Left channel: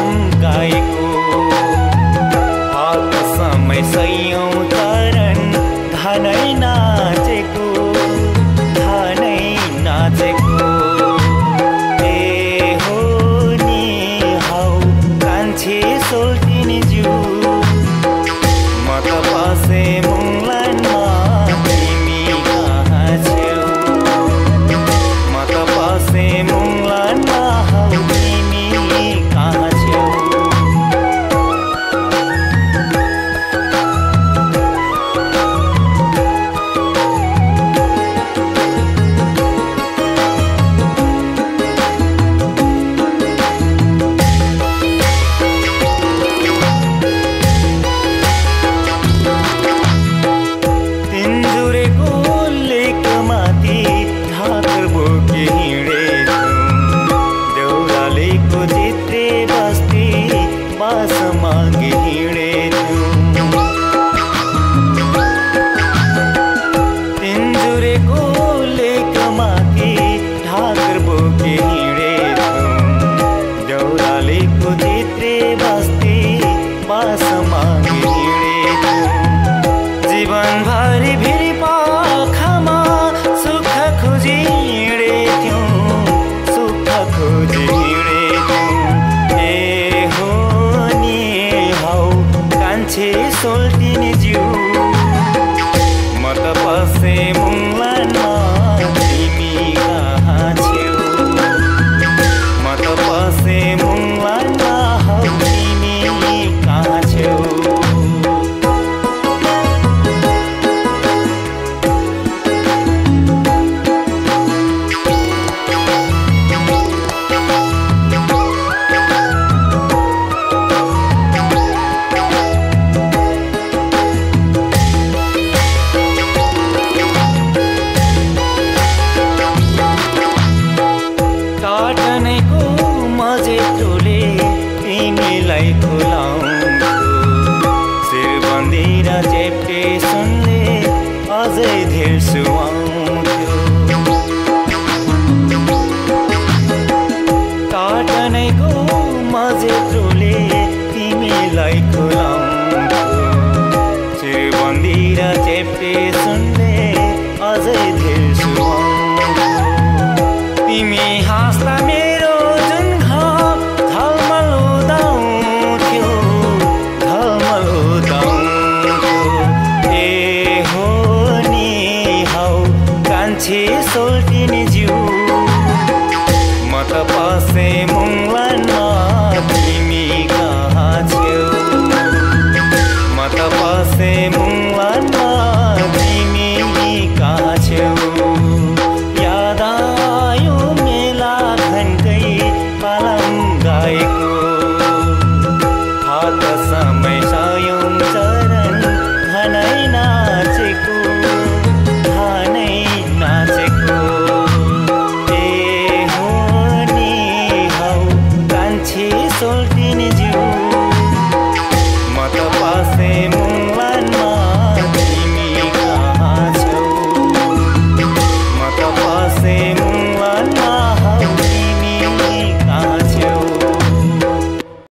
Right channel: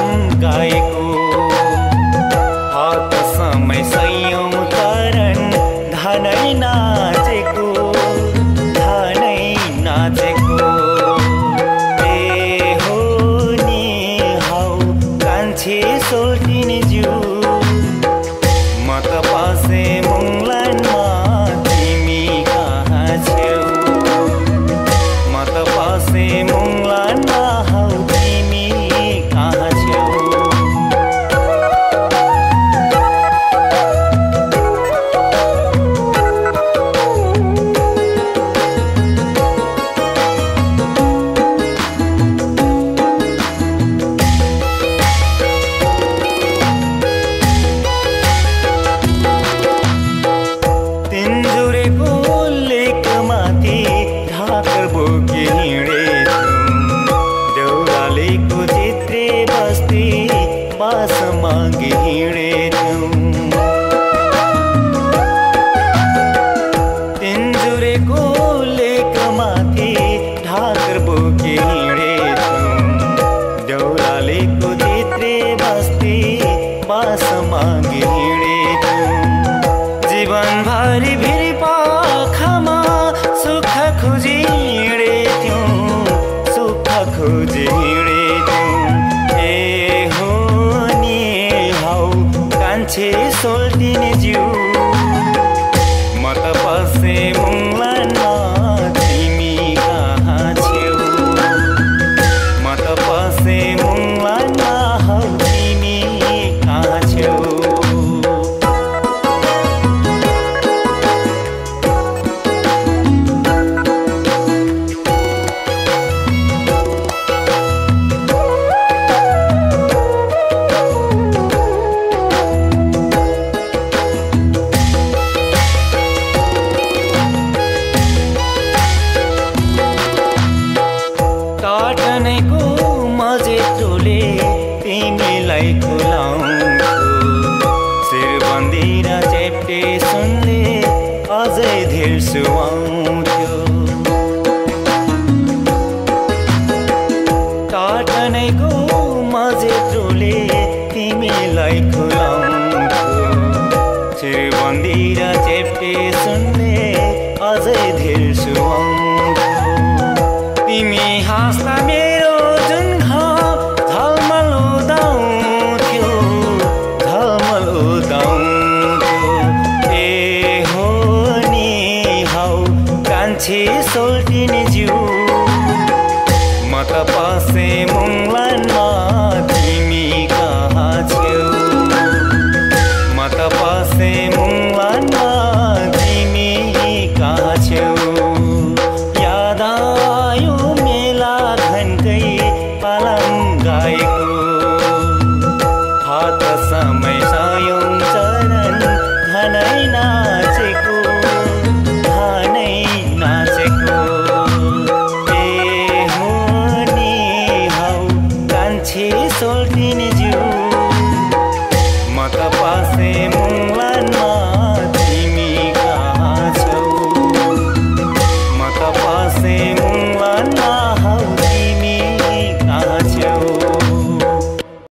पालम गाएको हात समय सयौं चरण धनै नाचेको ए हो नि हौ कान्छे सोल्टिनी ज्यू म त पासे मुङलानमा तिमी कहाँ छेउ म त पासे मुङलानमा हौ तिमी कहाँ छेउ ढाकर बोकी हिँडेथ्यौं देउरालीको चित्रे बस्ती पास मागी हिँडेथ्यौं तिनजुरेको लेकमाथि ढाकर बोकी हिँडेथ्यौं देउरालीको चित्रे बस्ती पास मागी हिँडेथ्यौं जीवनभरि भिरी पाखामा सुख खोजी हिँडेथ्यौं सुख खोजी हिँडेथ्यौं ए हो नि हौ कान्छे सोल्टिनी ज्यू म त पसे मुङलानमा तिमी कहाँ छेउ म त पसे मुङलानमा हौ तिमी कहाँ छेउ टाटनेको मजेटोले तिमीलाई खुलाउँछु शिरबन्दी र चेप्टे सुनले अझै धेर सुहाउँथ्यो टाटनेको मजेटोले तिमीलाई खुलाउँछु शिरबन्दी र चेप्टे सुनले अझै धेर सुहाउँथ्यो तिमी हाँस्दा मेरो जुन घाम झलमल उदाउँथ्यो ए हो नि हौ कान्छे सोल्टिनी ज्यू म त पसे मुङलानमा तिमी कहाँ छेउ म त पसे मुङलानमा तिमी कहाँ छेउ याद आयो मेला घन्टै पालम गाएको हात समय सयौं चरण धनै नाचेको ए हो नि हौ कान्छे सोल्टिनी ज्यू म त पासे मुङलानमा